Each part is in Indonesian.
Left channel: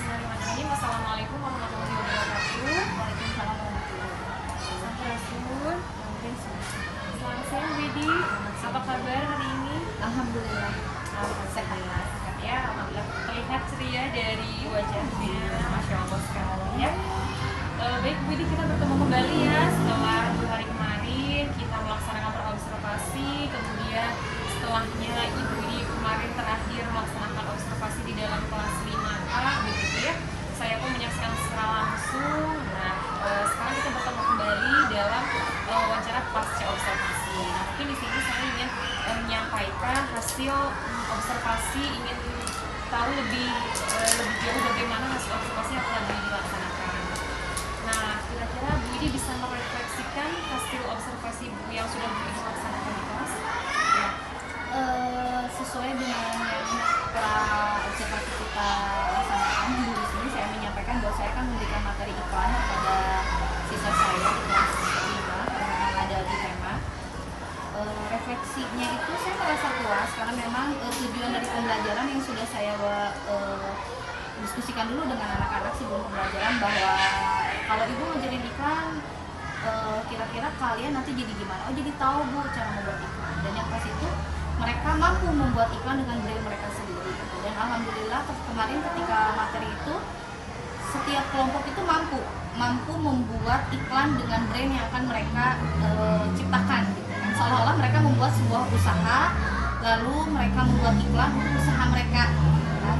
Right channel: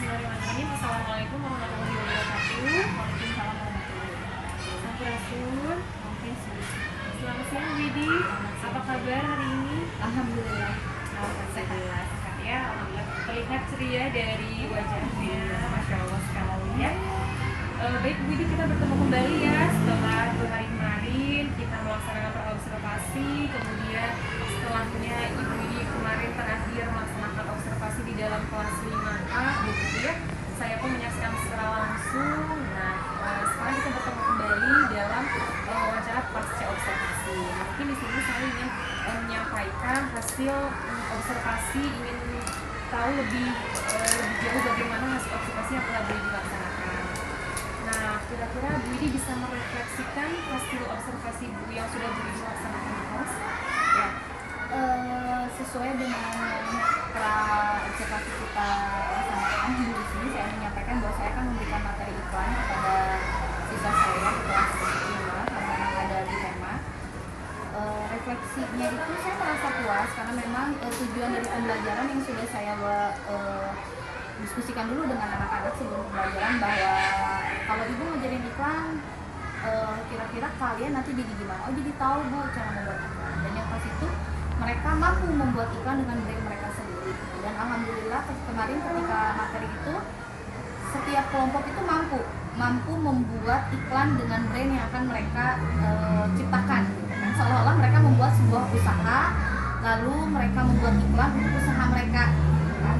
Bismillahirrahmanirrahim. Assalamualaikum warahmatullahi wabarakatuh. Waalaikumsalam warahmatullahi wabarakatuh. Sampurasun. Sampurasun. Selamat siang Widi. Apa kabar hari ini? Alhamdulillah. Alhamdulillah sehat ya. Alhamdulillah terlihat ceria dari wajahnya. Masya Allah sekali ya. Baik Bu Widi, kita bertemu kembali ya setelah 2 hari kemarin kita melaksanakan observasi. Kemudian setelahnya Ibu Widi kemarin terakhir melaksanakan observasi di dalam kelas 5A begitu ya. Saya pun menyaksikan secara langsung. Nah, sekarang kita bertemu kembali dalam wawancara pasca observasi. Nah, mungkin di sini saya ingin menyampaikan hasil observasi, ingin tahu lebih jauh bagaimana hasil observasi yang telah dilaksanakan. Nah, kira-kira Bu Widi bisa merefleksikan hasil observasi Bu yang sudah Bu Widi laksanakan di kelas? Ya, sesuai dengan yang telah observasi kita laksanakan di sini, saya menyampaikan bahwa saya akan memberikan materi iklan kepada siswa saya di kelas 5 karena memang ada di tema. Refleksinya itu saya merasa puas karena memang tujuan dari pembelajaran yang sudah saya diskusikan dulu dengan anak-anak sebelum pembelajaran, bahwa kalau ibu ngajarin iklan, kira-kira kalian nanti jadi gimana? Oh, jadi tahu Bu cara membuat iklan. Dan yang pas itu mereka mampu membuat iklan dengan braille mereka sendiri. Dan alhamdulillah kemarin ketika materi itu setiap kelompok itu mampu membuat iklan dengan brand yang akan mereka ciptakan gitu kan. Seolah-olah mereka membuat sebuah usaha, lalu mereka membuat iklan untuk usaha mereka gitu kan.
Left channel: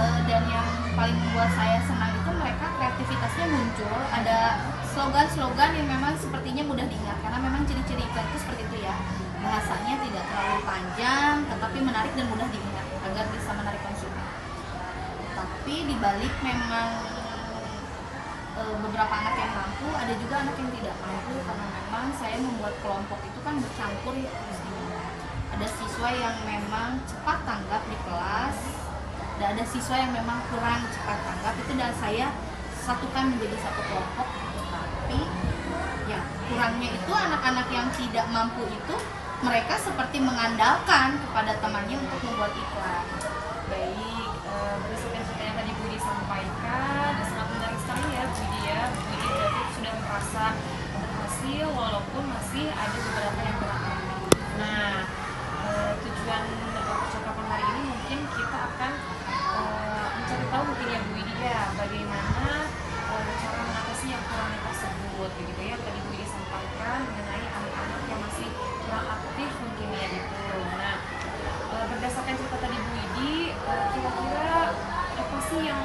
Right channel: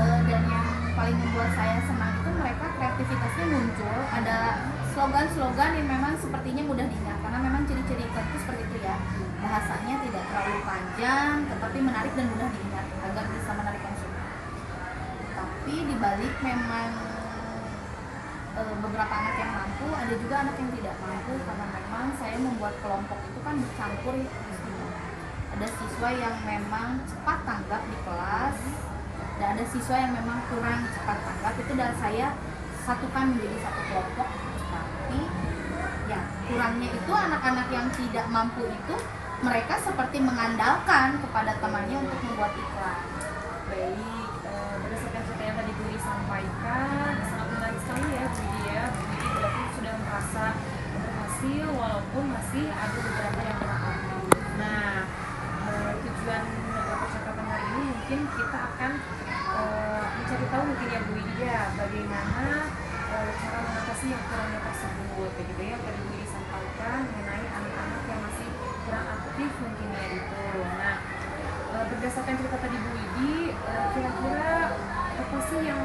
Dan yang paling membuat saya senang itu mereka kreativitasnya muncul, ada slogan-slogan yang memang sepertinya mudah diingat karena memang ciri-ciri iklan itu seperti itu ya, bahasanya tidak terlalu panjang tetapi menarik dan mudah diingat agar bisa menarik konsumen. Tapi dibalik memang beberapa anak yang mampu, ada juga anak yang tidak mampu karena memang saya membuat kelompok itu kan bercampur ya. Ada siswa yang memang cepat tanggap di kelas, dan ada siswa yang memang kurang cepat tanggap. Itu dan saya satukan menjadi satu kelompok. Tetapi ya kurangnya itu anak-anak yang tidak mampu itu mereka seperti mengandalkan kepada temannya untuk membuat iklan. Baik, berdasarkan cerita yang tadi Bu Widi sampaikan, sangat menarik sekali ya Bu Widi ya. Bu Widi berarti sudah merasa berhasil walaupun masih ada beberapa yang kurang. Nah, tujuan percakapan hari ini mungkin kita akan mencari tahu mungkin ya Bu Widi ya, bagaimana cara mengatasi yang kurangnya tersebut begitu ya. Tadi Bu Widi sampaikan mengenai anak-anak yang masih kurang aktif mungkin ya itu. Nah, berdasarkan cerita tadi Bu Widi, kira-kira apa sih yang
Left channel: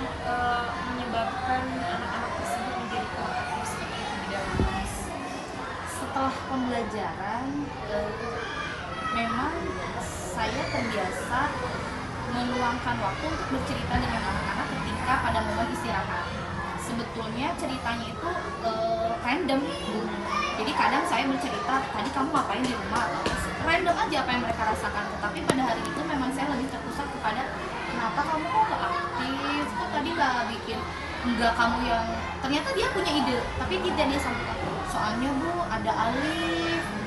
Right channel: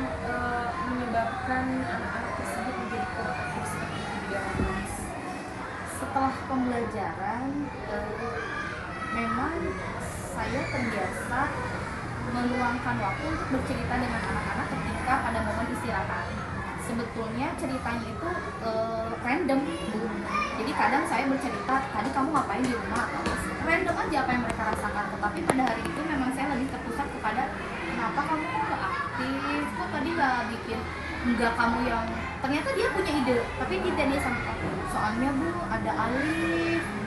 menyebabkan anak-anak tersebut menjadi kurang aktif seperti itu di dalam kelas? Setelah pembelajaran, memang saya terbiasa meluangkan waktu untuk bercerita dengan anak-anak ketika pada momen istirahat. Sebetulnya ceritanya itu random Bu. Jadi kadang saya bercerita, tadi kamu ngapain di rumah? Random aja apa yang mereka rasakan. Tetapi pada hari itu memang saya lebih terpusat kepada kenapa kamu kok gak aktif? Kok tadi gak bikin? Enggak, kamu yang ternyata dia punya ide tapi tidak dia sampaikan. Soalnya Bu, ada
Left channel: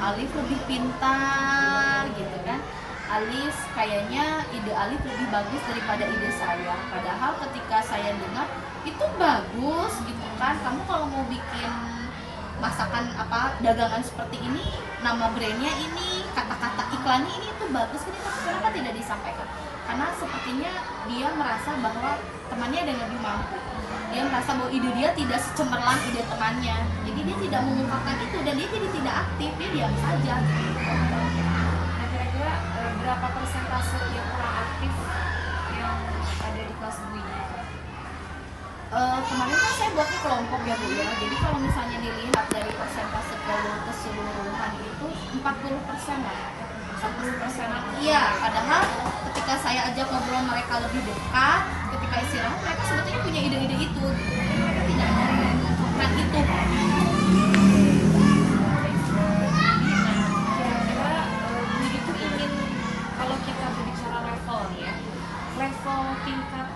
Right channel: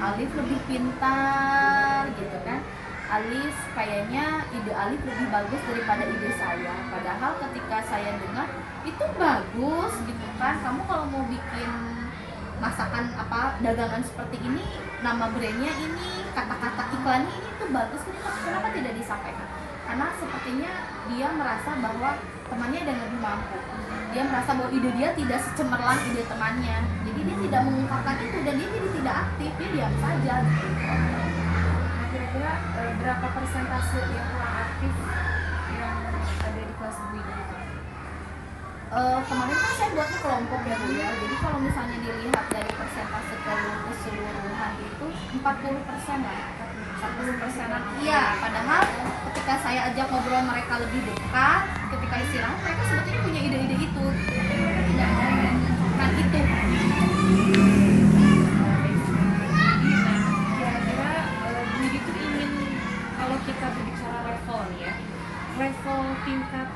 Alif lebih pintar gitu kan. Alif kayaknya ide Alif lebih bagus daripada ide saya. Padahal ketika saya dengar itu bagus gitu kan. Kamu kalau mau bikin masakan apa dagangan seperti ini, nama brandnya ini, kata-kata iklannya ini itu bagus, kenapa tidak disampaikan? Karena sepertinya dia merasa bahwa temannya ada yang lebih mampu. Dia merasa bahwa ide dia tidak secemerlang ide temannya. Jadi dia tidak mengungkapkan itu dan dia jadi tidak aktif, dia diam saja gitu. Nah, kira-kira berapa persentase yang kurang aktif yang ada di kelas Bu Widi? Kemarin kan saya buatnya kelompok ya Bu ya. Jadi kalau misalnya dilihat dari persentase keseluruhan itu 40% lah. 40%-an. Iya, padahal ketika saya ajak ngobrol mereka lebih dekat, ketika istirahat mereka sebetulnya punya ide-ide itu. Tapi mereka tidak mau mengungkapkan itu. Kira-kira Bu Widi tuh ingin, kalau kita berbicara level nih ya, level tingkat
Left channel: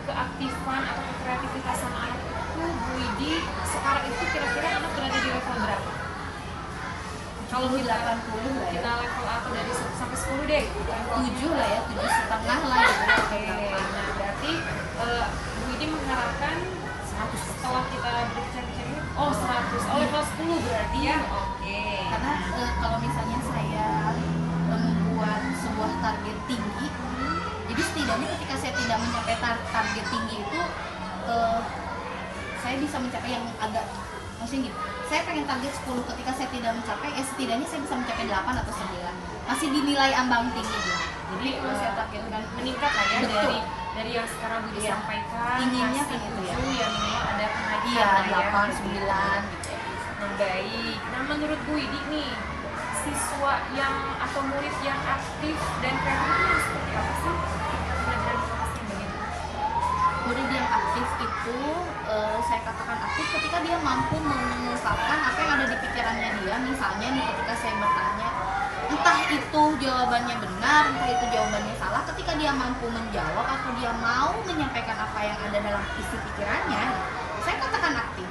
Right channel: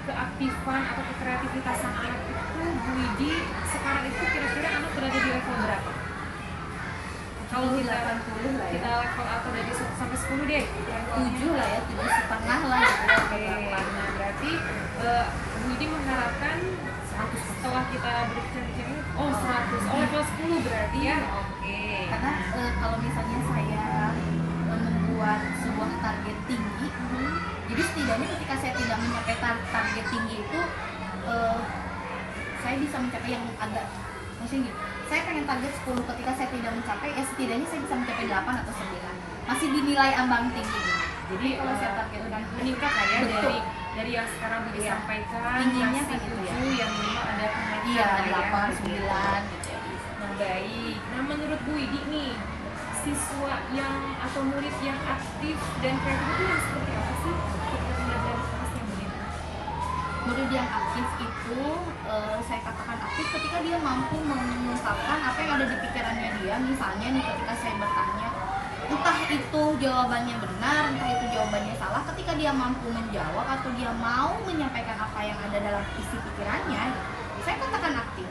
keaktifan atau kekreativitasan anak itu Bu Widi sekarang itu kira-kira anak berada di level berapa? Kalau 80 lah ya. kita level atau dari 1 sampai 10 deh. 7 lah ya, 7,5 lah gitu ya. Oke, nah berarti Bu Widi mengharapkan 100 setelah kita berbicara-bicara. Oh 100, oh level 10 berarti ya. Oke. Karena kalau misalnya saya membuat sebuah target tinggi, jadi setidaknya ketika saya tidak mencapai target tinggi itu, saya bisa mencapai yang agak, maksudnya gitu, saya pengen target 10, ketika saya tidak mencapai, ya setidaknya saya bisa mencapai 8 atau 9, masih dinilai ambang tinggi gitu. Jadi kalau saya targetkan meningkat lah ya. betul, dari yang sekarang Budi Iya. sampaikan Tingginya masih kan itu ya. 7, yang memang ada kenaikan iya lah ya. 8, 9 gitu ya. Nah baik, nah menurut Bu Widi nih, siswa yang atau murid yang aktif dan kreatif itu yang seperti apa sih ketika pembelajaran di kelas yang begini? Murid yang aktif itu, saya katakan aktif ketika dia mampu mengungkapkan apa yang ada di pikirannya dia. Misalnya nih, ketika saya bertanya, entah itu jawabannya benar, entah itu jawabannya salah, ketika dia mampu menjawab atau dia mau menyampaikan apa yang ada dalam isi pikirannya, saya katakan aktif.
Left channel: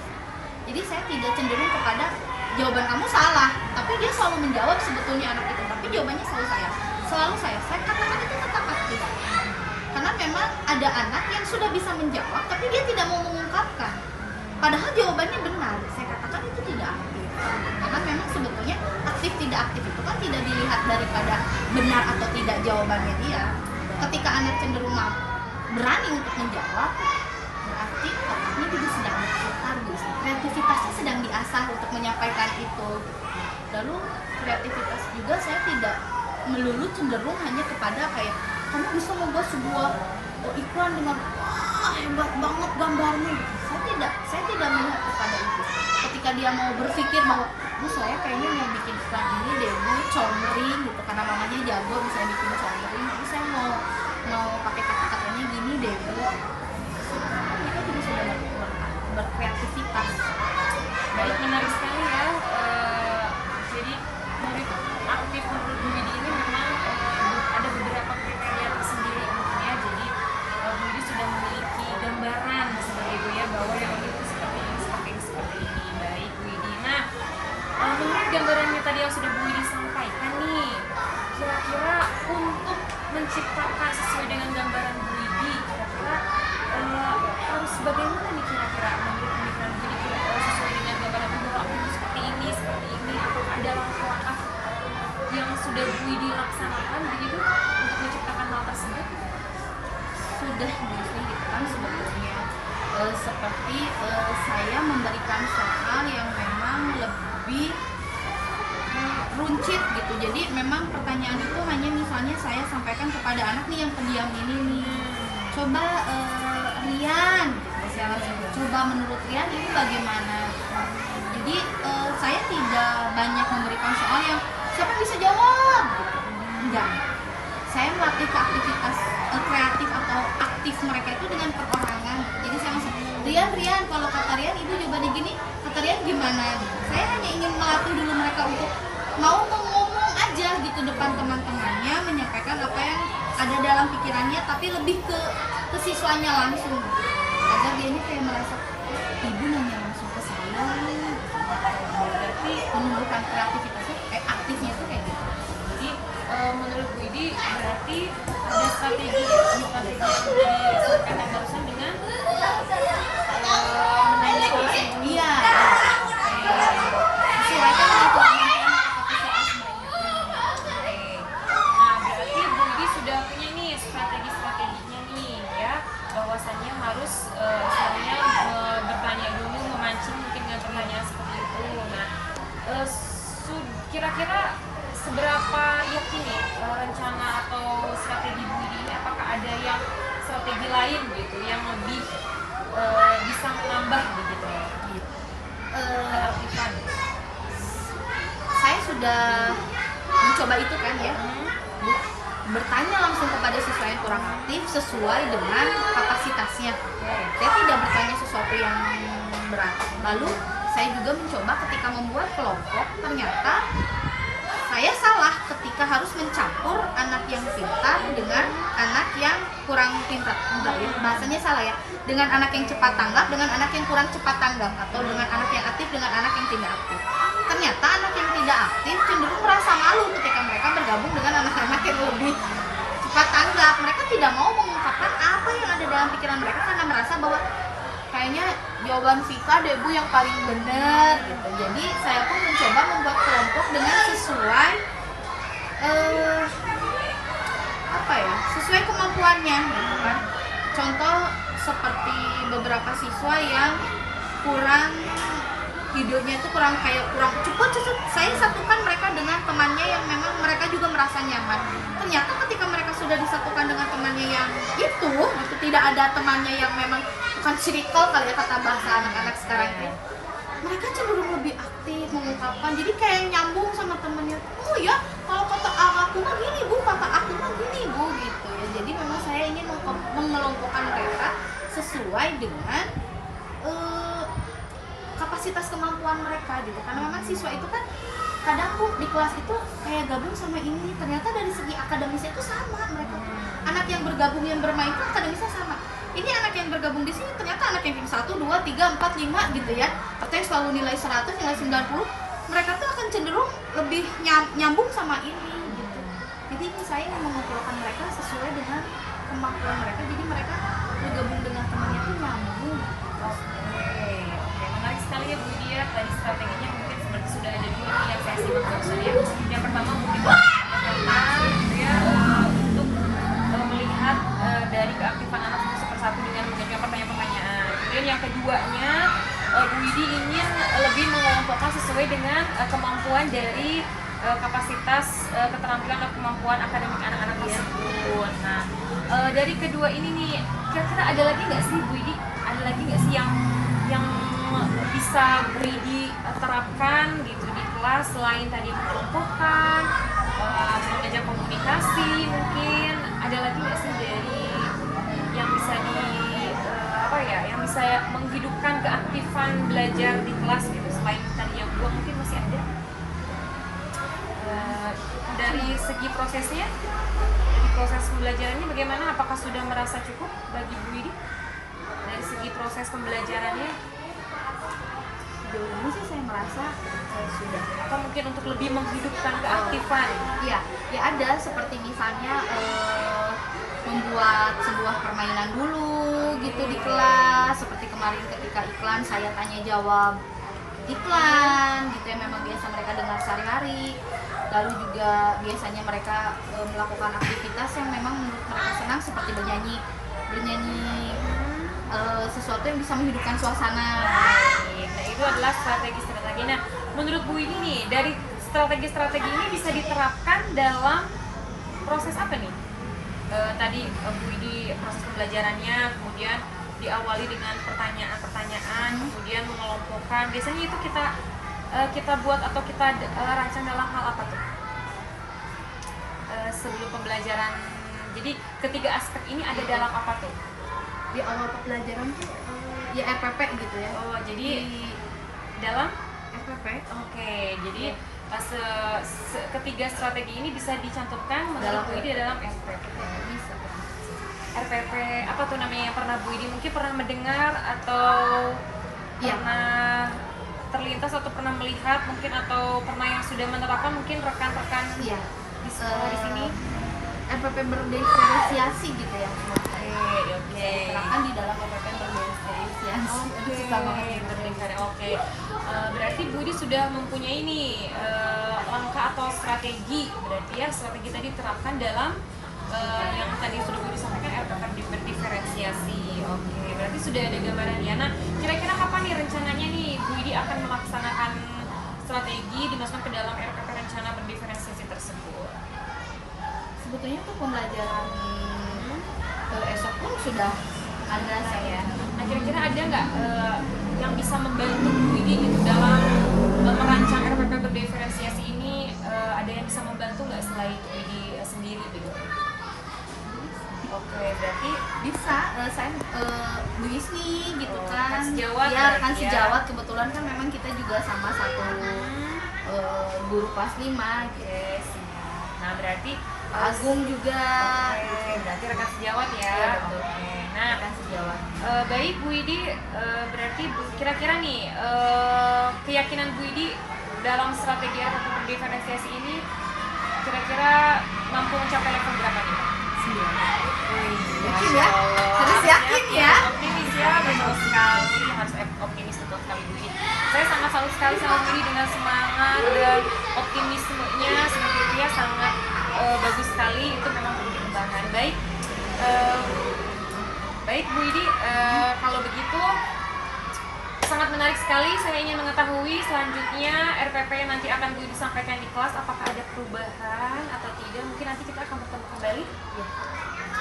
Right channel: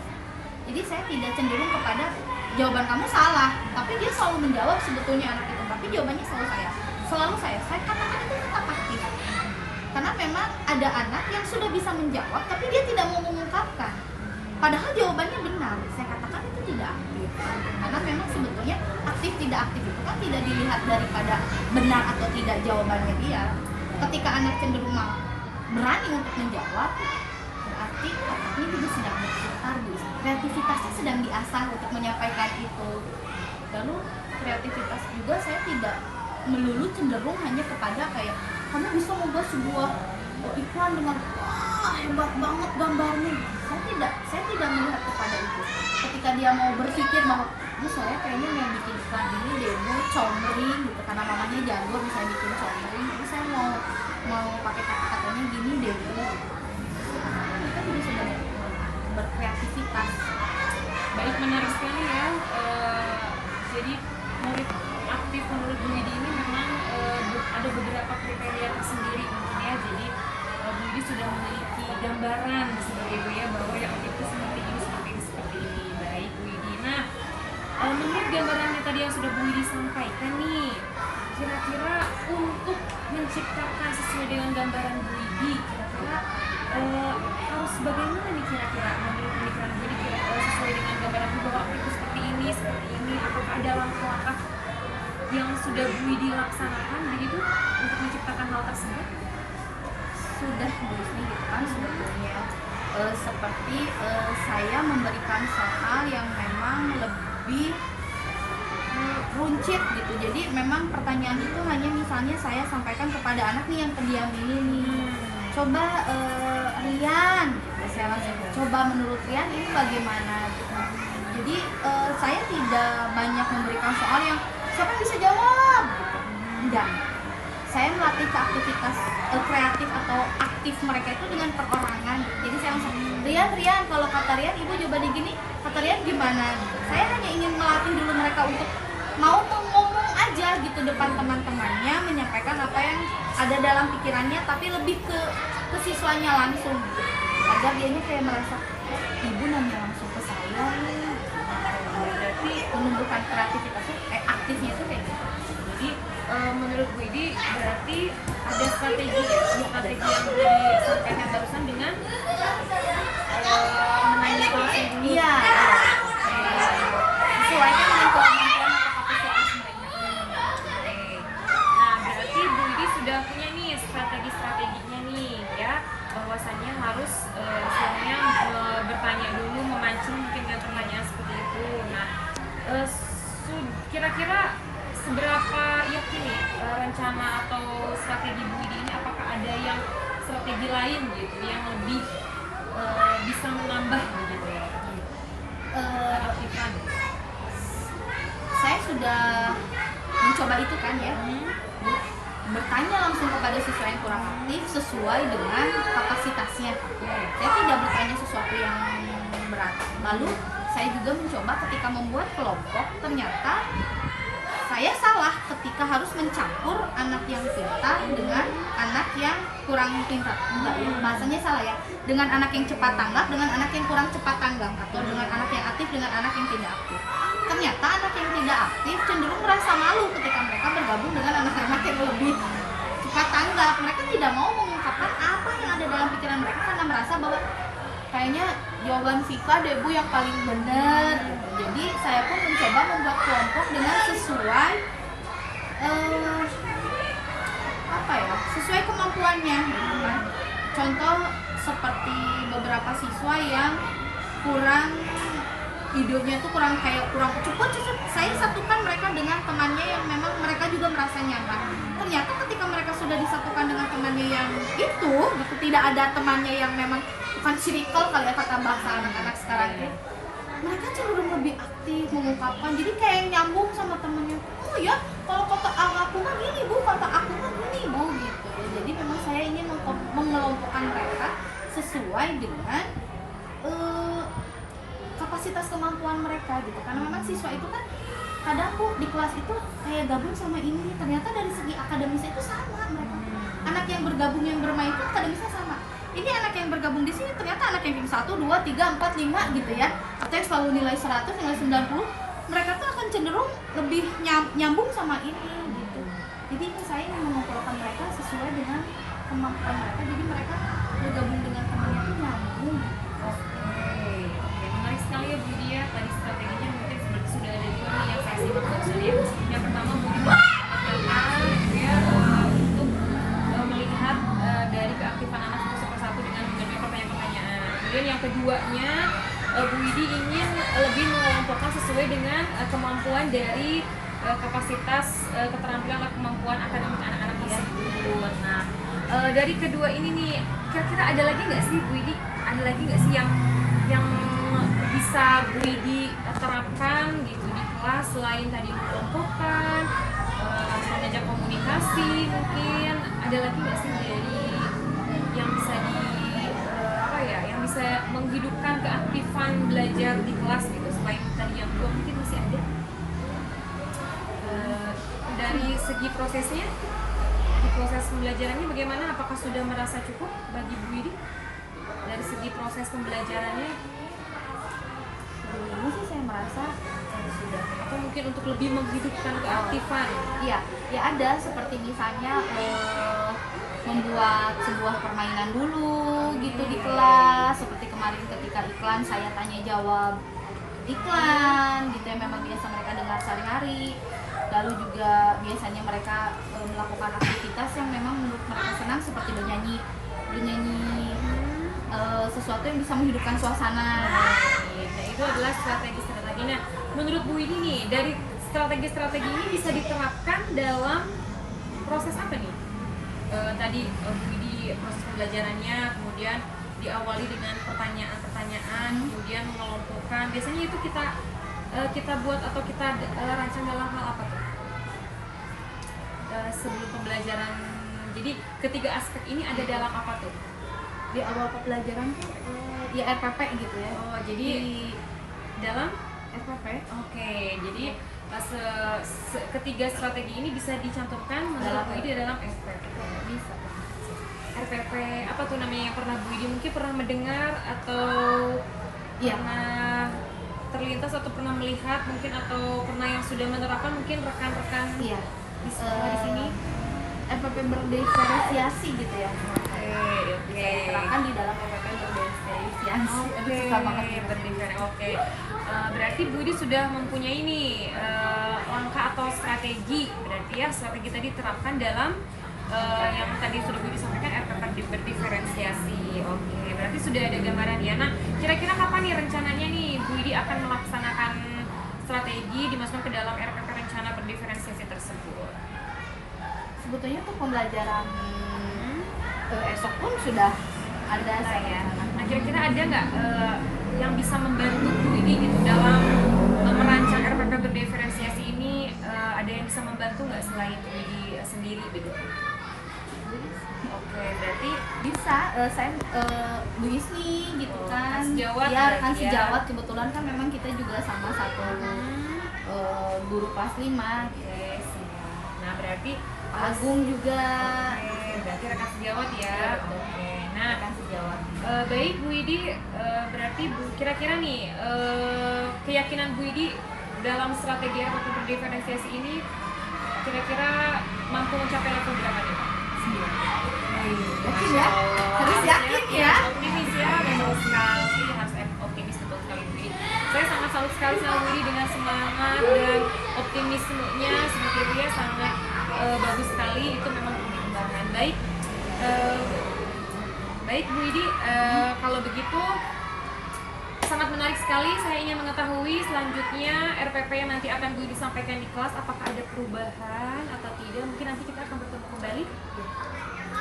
Jadi saya tidak cenderung kepada jawaban kamu salah, tapi dia selalu menjawab sebetulnya anak itu, tapi jawabannya selalu saya katakan itu tetap aktif. Karena memang ada anak yang sudah bisa menjawab tapi dia tidak mau mengungkapkan, padahal jawabannya benar, saya katakan itu tidak aktif. Karena memang sebetulnya aktif tidak aktif itu kan tidak dilihat daripada benar atau tidak jawabannya dia. Ketika anak cenderung berani untuk menjawab, berarti otaknya juga sedang berputar, kreativitasnya sedang diasah untuk menyampaikan itu. Lalu kreativitas juga saya tidak melulu cenderung hanya kepada kayak kamu bisa membuat sebuah iklan dengan wah hebat banget gambarnya. Saya tidak melihat kepada itu. Ketika dia mau berpikir bahwa saya kayaknya mau bikin iklan ini deh, Bu, comering gitu, karena mamanya jago bisa bikin comering, jadi saya mau pakai kata-katanya gini deh, Bu. Mereka juga sudah berkreativitas. Baik, menarik sekali ya. Jadi murid aktif menurut Bu Widi ini memang ada beberapa kriteria tersendiri tentunya. Jadi Bu Widi sudah memiliki gambaran sebagai Bu ya, bahwa yang itu seperti ini. Baik Bu Widi. Nah, menurut gambarannya tadi yang sudah Bu Widi sampaikan nih, kira-kira untuk menciptakan sesuai dengan gambaran Bu Widi, kira-kira harus bagaimana nih kira-kira menurut pemikiran Bu Widi, kira-kira sesuai dengan gambaran Bu bahwa aktif seperti ini, atau ada langkah-langkah yang sudah Bu Widi laksanakan begitu untuk menciptakan hal tersebut? Sudah biasanya gitu kan sebetulnya, seperti saya memberikan soal yang memang lebih runcit gitu. Jadi memang pertanyaan itu hanya misalnya saya sampaikan kepada anak nih yang pendiam ini nih, coba Rian gitu, saya langsung coba menurut Rian ini bagaimana gitu. Jadi saya tidak banyak memberikan soal yang siapa bisa jawab gitu, enggak. Saya melatih ke aktivitas kreatif atau aktif mereka itu dengan perorangan. Jadi saya langsung, Rian, kalau kata Rian ibu jawabannya gini, kata Rian gimana? Saya hanya ingin melatih dulu mereka untuk mau ngomong aja gitu depan teman-temannya, menyampaikan apa yang ada dalam pikirannya, tapi lebih ke siswanya langsung gitu. Agar dianya kayak merasa, ibu nanya langsung ke saya nih. Berarti menumbuhkan kreativitasnya, aktifnya itu kayak gitu. Jadi menurut Bu Widi berarti ada strategi yang Bu Widi sampaikan barusan dengan menanya langsung dulu. Iya. Sesuaikan dengan kemampuan atau kapasitas mereka. Nah berarti Bu Widi sudah punya nih strategi-strateginya nih ya, bahwasannya harus istilahnya bertanya dulu, memancing mungkin dengan pertanyaan seperti itu. Nah kira-kira seberapa yakin ya rencana atau strategi Bu Widi ini, apakah ada yang strategi lain gitu yang lebih bisa menambah gitu keaktifan? Saya sudah mencoba itu kan ya, bertanya langsung kepada siswa yang kurang aktif sesuai dengan kapasitasnya. Saya tidak bertanya sesuatu yang berat. Lalu saya juga mencoba ketika membuat kelompok, ternyata saya salah ketika harus mencampur anak yang pintar dengan anak yang kurang pintar. Enggak ya, bahasanya salah ya. Dengan anak yang cepat tanggap dengan anak yang kurang cepat tanggap, atau dengan anak yang aktif dengan anak yang tidak aktif. Ternyata anak yang tidak aktif cenderung merasa malu ketika mereka bergabung dengan anak-anak yang lebih cepat tanggap. Mereka tidak mau mengungkapkan apa yang ada dalam pikiran mereka karena merasa bahwa kayaknya jawaban Vika deh Bu yang paling benar gitu. Jadi saya pun mencoba membuat kelompok dengan sesuai sesuai kemampuannya gitu kan. Contoh seperti beberapa siswa yang kurang videonya itu kurang cepet, saya satukan mereka dengan temannya yang memang mereka juga merasa nyaman. Ternyata ketika mereka sudah disatukan dengan temannya yang itu gitu, tidak ada temannya yang memang bukan circle kali ya kata bahasa anak-anak sekarang itu, mereka cenderung lebih aktif mengungkapkan, jadi kayak nyambung sama temennya. Oh ya, kalau kata aku mah gini Bu, kata aku mah gini Bu gitu ya. Jadi memang saya ingin mengelompokkan mereka sesuai dengan kapasitas kemampuan mereka gitu. Karena memang siswa itu kan kadang tuh di kelas itu kayak gabung sama ini, ternyata dari segi akademisnya itu sama mereka. Anak yang bergabung yang bermain itu akademisnya sama. Ini anak yang bergabung di sini ternyata anak yang 1, 2, 3, 4, 5 gitu ya. Atau yang selalu nilai 100, nilai 90, mereka tuh akan cenderung lebih nyambung sama ini gitu. Jadi ini saya ingin mengumpulkan mereka sesuai dengan kemampuan mereka. Jadi mereka bergabung dengan temannya tuh nyambung. Oke, menarik sekali ya Bu Dia. Tadi strateginya mungkin seperti sudah ada dua nih yang saya simak maksudnya. Yang pertama mungkin dia untuk melihat dari keaktifan anak satu persatu dengan menjawab pertanyaan-pertanyaan. Kemudian yang keduanya Bu Widi ingin lebih mengelompokkan sesuai dengan kemampuan dari kapasitas keterampilan atau kemampuan akademik anak-anak tersebut. Nah, dari kedua ini nih, kira-kira ada lagi nggak sih Bu Widi? Ada lagi nggak sih yang bisa Bu Widi terapkan gitu di kelas selain tadi mengelompokkan, mengajak komunikasi, mungkin ada lagi nggak sih dari yang bisa yang bisa menghidupkan keaktifan belajar di kelas gitu selain tadi yang dua mungkin masih ada? Dari segi prosesnya, di proses pembelajarannya bagaimana? Apakah sudah merasa cukup bagi Bu Widi dari segi proses pembelajarannya? Sejauh ini sih saya merasa sudah. Atau mungkin untuk lebih menghidupkan keaktifan? Iya, ya ada seperti misalnya membuat sebuah permainan dulu gitu di kelas, seperti kemarin ketika iklan saya tanya jawab iklan gitu ya, memang biasa mereka dengar sehari-hari. Lalu juga biasanya mereka melakukan aktivitas yang memang menurut mereka senang seperti bernyanyi sesuatu yang bisa menghidupkan suasana. Nah, itu adalah strategi-strategi. Nah, menurut Bu ini nih, dari strategi-strategi ini bisa diterapkan dalam proses apa nih? Tadi Bu Widi proses pembelajarannya, kemudian diawali dengan pertanyaan-pertanyaan, kemudian mengelompokkan. Biasanya itu kita buat atau kita rancang dalam hal apa tuh? Sebelum pembelajaran. Jadi ketiga aspek ini ada dalam apa tuh? Di awal pembelajaran tuh ya RPP gitu ya. Oh, jadi dalam RPP. Oke, jadi ketiga strategi ini bisa dicantumkan dalam Bu Widi dalam RPP. Bisa. RPP apa tuh namanya yang pernah Bu Widi mungkin pernah mendengar atau pernah terlintas atau pernah melihat mungkin atau pernah yang sudah menerapkan mungkin rekan-rekan di sekolah di sini? RPP berdiferensiasi gitu ya. Oke. Bisa diterapkan di dalam RPP berdiferensiasi. Aduh, susah banget nih berdiferensiasi. Oke. Berarti Bu Widi sudah mempunyai nih langkah atau strategi. Berarti ya strategi tadi diterapkan dalam yang tadi sudah Bu Widi sampaikan RPP berdiferensiasi. Oke. Berarti sudah ada gambaran ya. Nah, kira-kira kapan nih rencananya nih Bu Widi akan melaksanakan strategi dimasukkan ke dalam RPP rencana berdiferensiasi tersebut? Sebetulnya tuh pembelajaran esok pun sudah ada saya. Nah, kira-kira ada nggak yang bisa membantu Bu Widi gitu dalam merancang RPP berdiferensiasi ini? Ada yang bisa membantu nggak selain Bu Widi sendiri gitu? Oke, berarti Bisa, saya Bu Isni gitu kan. sejawat Ya, rekan berarti ya. sejawat, kebetulan kan memang kita juga sama satu guru kelas 5 gitu. yes. Nah, berarti Pak Agung juga. Oke, berarti rekan sejawat ya. Iya, betul. Oke. Nah, Rekan sejawat. baik Bu Widi, berarti kira-kira nih keyakinan Bu Widi dalam strategi atau berdiferensiasi ini kira-kira mampu mencapai level berapa nih? Iya. Yakin Masya ya? Allah. Harus yakin ya. Optimis ya, betul sekali. Harus optimis, betul sekali Bu Didi. Saya sangat salut sekali sama Bu Didi dengan semangat dan optimismenya sebetulnya sangat bagus sekali. Itu memang perlu dikembangkan. Baik Bu Didi, kalau begitu sangat menarik sekali. Saya ingin mengetahui selanjutnya RPP yang nanti akan Bu Didi sampaikan di kelas, apakah ada perubahan atau tidak? Mungkin nanti kita akan bertemu kembali. Ya.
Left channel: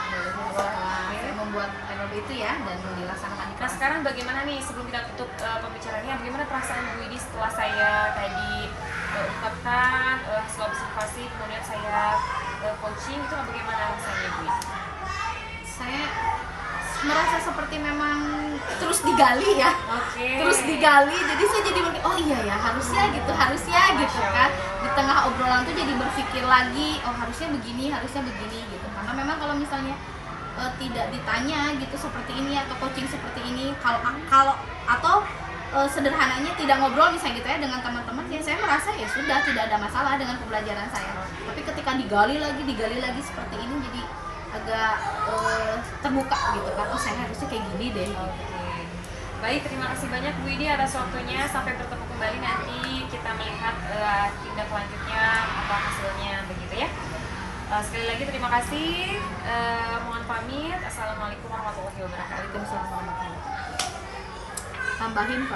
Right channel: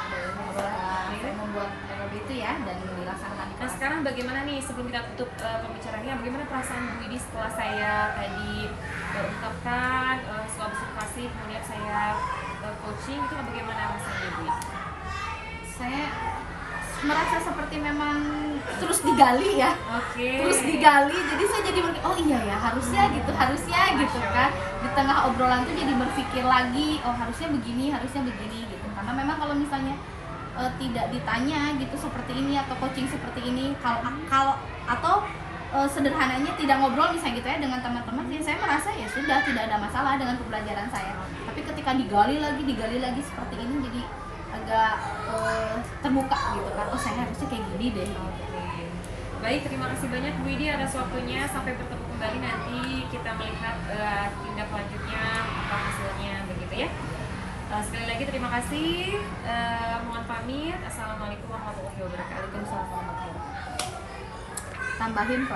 Setelah saya membuat RPP itu ya dan dilaksanakan di Nah kelas. sekarang bagaimana nih, sebelum kita tutup pembicaraannya, bagaimana perasaan Bu Didi setelah saya tadi ungkapkan hasil observasi, kemudian saya coaching, itu bagaimana rasanya Bu Didi? Saya merasa seperti memang terus digali ya. Oke. Terus digali, jadi saya jadi berpikir, oh iya ya harusnya gitu kan. Di tengah obrolan tuh jadi berpikir lagi, oh harusnya begini gitu. Karena memang kalau misalnya tidak ditanya gitu seperti ini atau coaching seperti ini, kalau atau sederhananya tidak ngobrol misalnya gitu ya dengan teman-teman, ya saya merasa ya sudah tidak ada masalah dengan pembelajaran saya. Tapi ketika digali lagi seperti ini, jadi agak terbuka gitu kan, oh saya harusnya kayak gini deh. Oke. Baik, terima kasih banyak Bu Didi atas waktunya. Sampai bertemu kembali nanti kita melihat tindak lanjutnya apa hasilnya begitu ya. Sekali lagi terima kasih. Mohon pamit. Assalamualaikum warahmatullahi wabarakatuh. Waalaikumsalam warahmatullahi wabarakatuh. Tambahin Pak.